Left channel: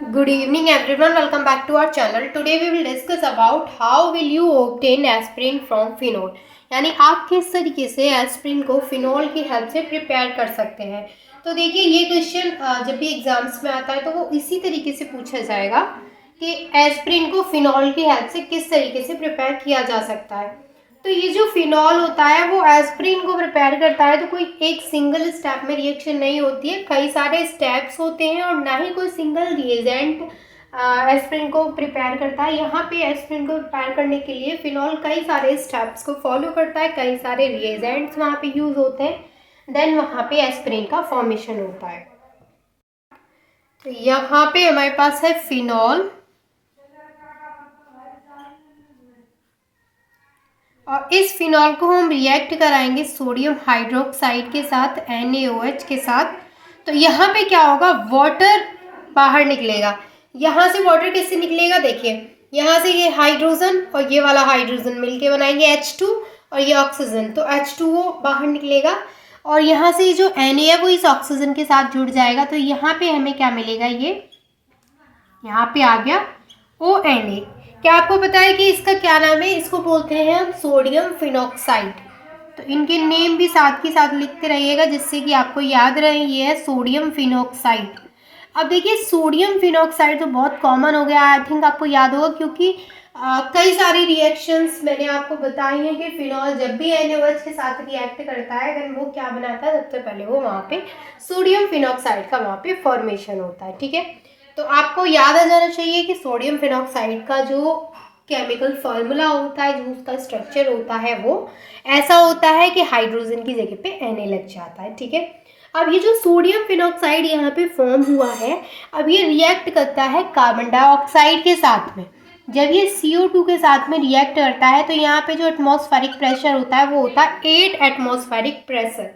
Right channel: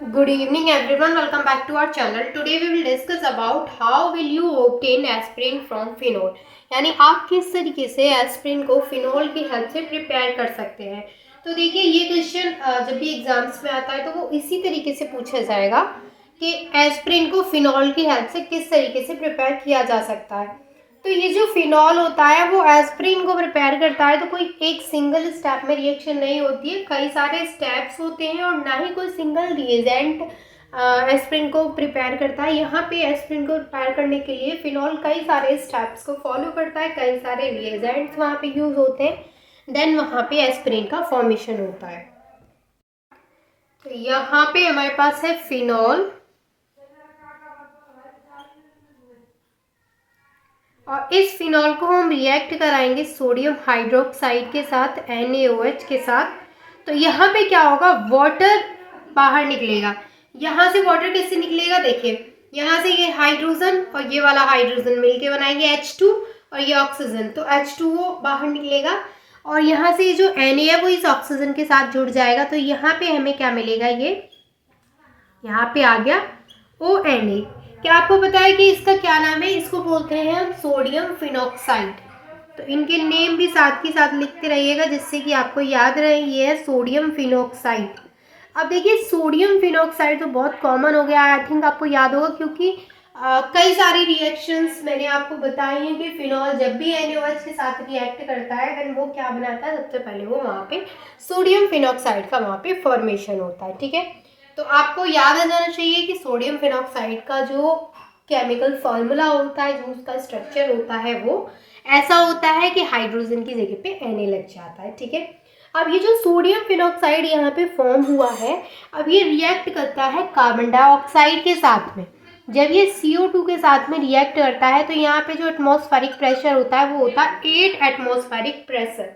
Good evening everyone, welcome back to our channel. Today we will discuss about how will you obtain aspirin from phenol. यानी आप किस तरीके से aspirin को phenol की help से प्रिपेयर कर सकते हैं। तो देखिए ये क्वेश्चन जब भी एग्जाम्स में आता है तो वो इसी तरीके से पूछा जाएगा कि एस्प्रिन को फिनोल की हेल्प से किस तरीके से प्रिपेयर किया जा सकता है। तो ये जो फिनॉल होता है वो एस्प्रिन को प्रिपेयर करता है, तो कोई एक सिंगल स्टेप में रिएक्शन नहीं होती है, कई सारे स्टेप्स होते हैं और ना ही कोई सिंगल रिएजेंट एस्प्रिन को प्रिपेयर करता है। यहाँ पे एस्प्रिन को प्रिपेयर करने के लिए फिनॉल कई सारे स्टेप्स को फॉलो करता है, कई सारे रिएजेंट्स वहाँ पे यूज होते हैं, देन वहाँ पे एस्प्रिन का फॉर्मेशन होता है। तो यहाँ पे हमारे पास है फिनॉल और इस फिनॉल को हम रिएक्ट कराएंगे सोडियम हाइड्रोक्साइड के साथ NaOH के साथ। तो यहाँ पे क्या होगा, वाटर बाहर निकलेगा। यहाँ से वाटर कैसे निकलेगा, देखिए यहाँ से ये हाइड्रोजन और ये वाला हाइड्रोजन मिलके बनाएंगे H2 और ये ऑक्सीजन, तो H2O बाहर निकलेगा और यहाँ से जो Na है वो इस ऑक्सीजन के साथ जुड़ जाएगा। तो यहाँ पे हमें क्या मिलेगा, ये यहाँ पे आ गया ONA। क्या आपको पता है कि इसका क्या नाम है, इसको बोलते हैं हम सोडियम फिनॉक्साइड। तो इनके नेम भी साथ के साथ लिखते रहिएगा जिससे कि आपको याद रहे, ये है सोडियम फिनॉक्साइड। अब देखिए सोडियम फिनॉक्साइड तो बहुत कॉमन हो गया, आई थिंक आपको याद होगा, क्योंकि कई सारी रिएक्शंस मैंने आपको बताई हैं कि फिनॉल जब भी NaOH के साथ रिएक्ट करता है देन वो क्या बनाता है, सबसे पहले वो वहाँ पे सोडियम फिनॉक्साइड का वहाँ पे फॉर्मेशन होता है। ठीक है, तो आपको याद आ जाना चाहिए कि सोडियम फिनॉक्साइड का जो केमिकल फॉर्मूला होता है, जो उसका स्ट्रक्चर होता है वो ऐसा होता है कि हाइड्रोजन की जगह पे Na लग जाता है। ठीक है, अब ये जो सोडियम फिनॉक्साइड यहाँ पे फॉर्म हुआ है, अब ये रिएक्ट करता है कार्बन डाइऑक्साइड के साथ में। जब ये CO2 के साथ में रिएक्ट करता है तो यहाँ पे जो एटमॉस्फेरिक प्रेशर होता है वो होता है 8 एटमॉस्फेरिक प्रेशर।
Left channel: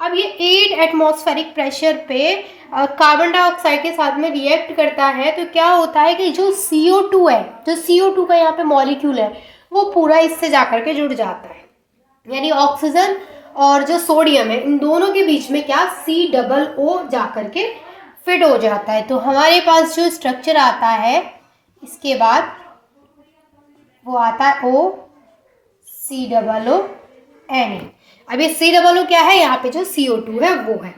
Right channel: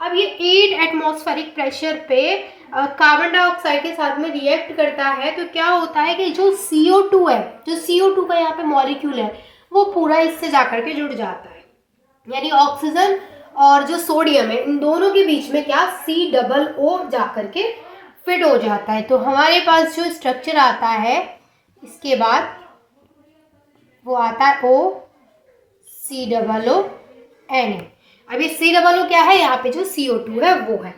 अब ये 8 एटमॉस्फेरिक प्रेशर पे कार्बन डाइऑक्साइड के साथ में रिएक्ट करता है तो क्या होता है कि जो CO2 है, जो CO2 का यहाँ पे मॉलिक्यूल है वो पूरा इससे जाकर के जुड़ जाता है, यानी ऑक्सीजन और जो सोडियम है इन दोनों के बीच में क्या COO जाकर के फिट हो जाता है। तो हमारे पास जो स्ट्रक्चर आता है इसके बाद वो आता है OCOONA। अब ये COO क्या है, यहाँ पे जो CO2 है वो है।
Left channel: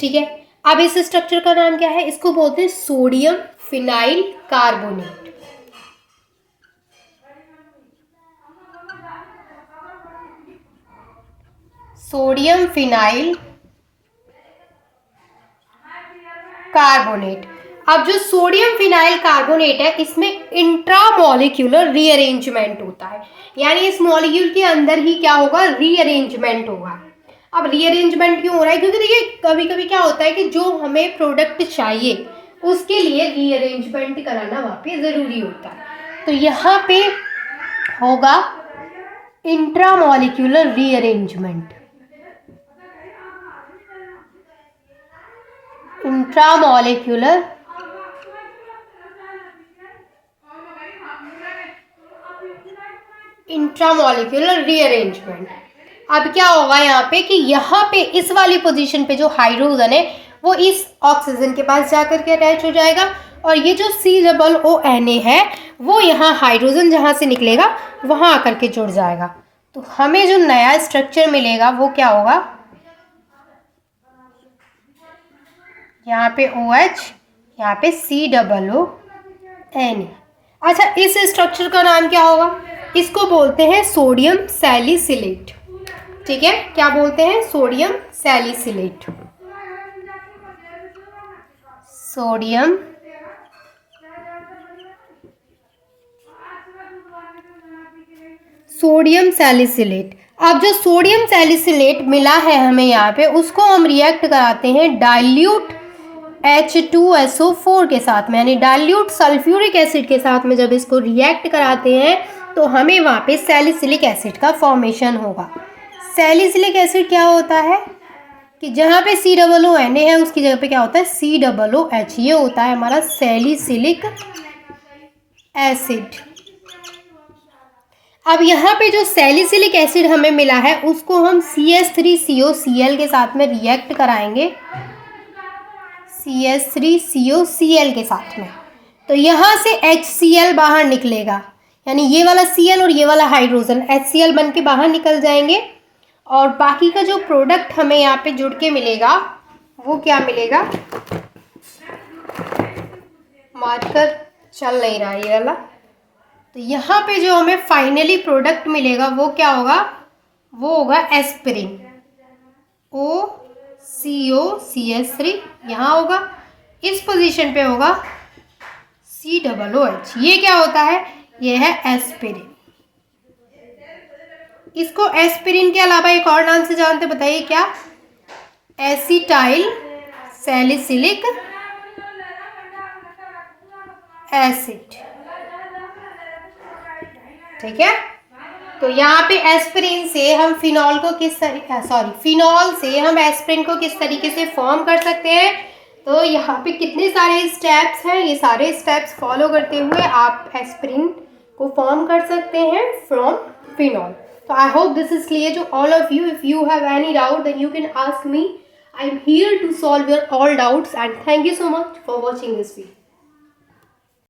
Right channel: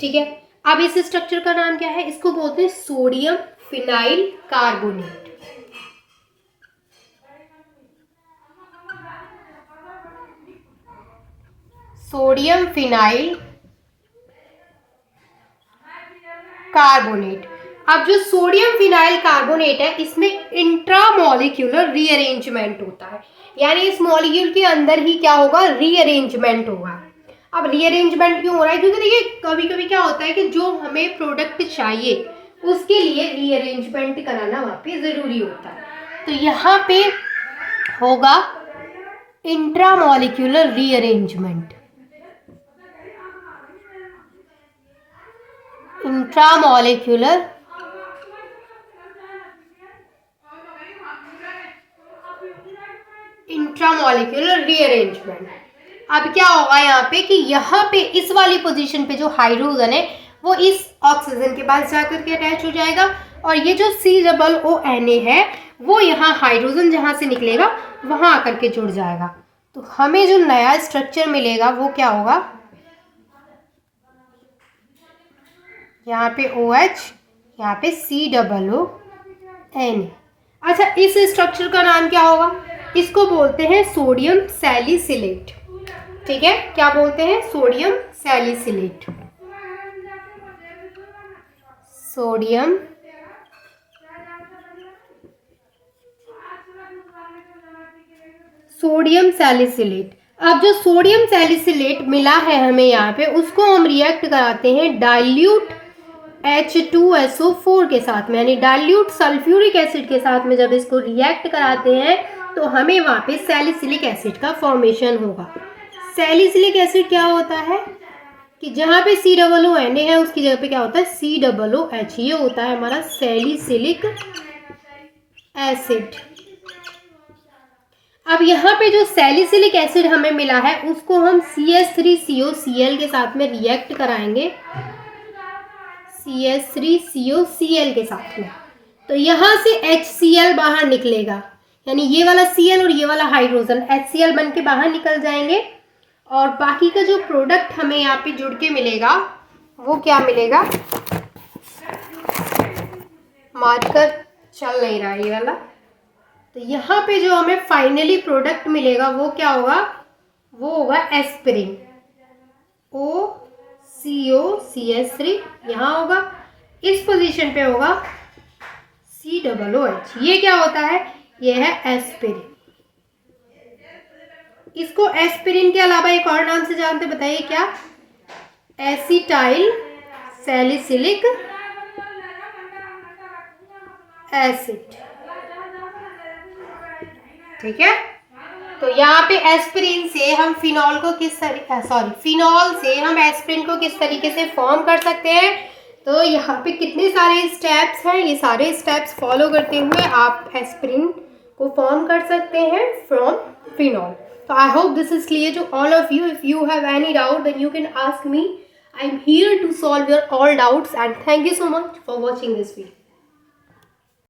ठीक है, अब इस स्ट्रक्चर का नाम क्या है, इसको बोलते हैं sodium phenyl carbonate. Sodium phenyl carbonate. अब जो सोडियम फिनाइल कार्बोनेट है इसमें इंट्रामोलिक्यूलर रीअरेंजमेंट होता है, यानी इस मॉलिक्यूल के अंदर ही क्या होगा, रीअरेंजमेंट होगा। अब रीअरेंजमेंट क्यों हो रहा है, क्योंकि देखिए कभी कभी क्या होता है कि जो हमें प्रोडक्ट चाहिए उसके लिए रीअरेंजमेंट कराना वहाँ पे ज़रूरी होता है। तो यहाँ पे होगा intramolecular rearrangement. Intramolecular intramolecular rearrangement. अब क्या होगा यहाँ पे कि यहाँ पे इस वाली पोजीशन पे जो हाइड्रोजन है वो इस ऑक्सीजन के पास जाकर के अटैच हो जाएगा और ये जो COONA है वो यहाँ हाइड्रोजन जहाँ से निकलेगा वहाँ आकर के जुड़ जाएगा। तो हमें जो नया स्ट्रक्चर मिलेगा वो क्या होगा, यहाँ पे OH, यहाँ पे COONA। अच्छा, इस स्ट्रक्चर का नाम क्या होगा, इसको बोलते हैं सोडियम सैलिसिलेट। ठीक है, क्या बोलते हैं, सोडियम सैलिसिलेट। Sodium salicylate. अब जो सोडियम सैलिसिलेट मिला है हमें यहाँ पे उसको हम रिएक्ट कराते हैं डाइल्यूट H2SO4 के साथ में, यानी डाइल्यूट सल्फ्यूरिक एसिड के साथ में जब इसको रिएक्ट कराते हैं तो हमें वहाँ पे सैलिसिलिक एसिड का फॉर्मेशन होगा। सैलिसिलिक एसिड क्या होता है कि जहाँ पे COONA है उसकी जगह पे क्या होता है COOH, ये होता है हमारा सैलिसिलिक एसिड। अब यहाँ पे जो सैलिसिलिक एसिड हमें मिला है उसको हम CH3COCl के साथ में रिएक्ट कराएंगे। CH3COCl के साथ में। तो यहाँ से HCl बाहर निकलेगा, यानी ये वाला Cl और ये वाला हाइड्रोजन HCl बन के बाहर निकल जाएंगे। और बाकी का जो प्रोडक्ट हमें यहाँ पे जुड़ के मिलेगा वो क्या मिलेगा, मार्कर चल नहीं रहा ये वाला। तो यहाँ पे जो हमें फाइनली प्रोडक्ट मिलेगा वो क्या होगा, वो होगा एस्पिरिन, OCOCH3 यहाँ होगा, इस पोजीशन पे होगा COOH। ये क्या होता है, ये है एस्पिरिन। इसको एस्पिरिन के अलावा एक और नाम से जानते, बताइए क्या, एसिटाइल सैलिसिलिक एसिड। ठीक है, तो यहाँ पे एस्पिरिन से हम फिनॉल को फिनॉल से हम एस्पिरिन को किस तरीके से फॉर्म कर सकते हैं। तो यहाँ पे कितने सारे स्टेप्स हैं, ये सारे स्टेप्स फॉलो करते हुए आप एस्पिरिन को फॉर्म कर सकते हैं from phenol. So I hope this is clear to all of you. If you have any doubt, then you can ask me. I'm here to solve your all doubts, and thank you so much for watching this video.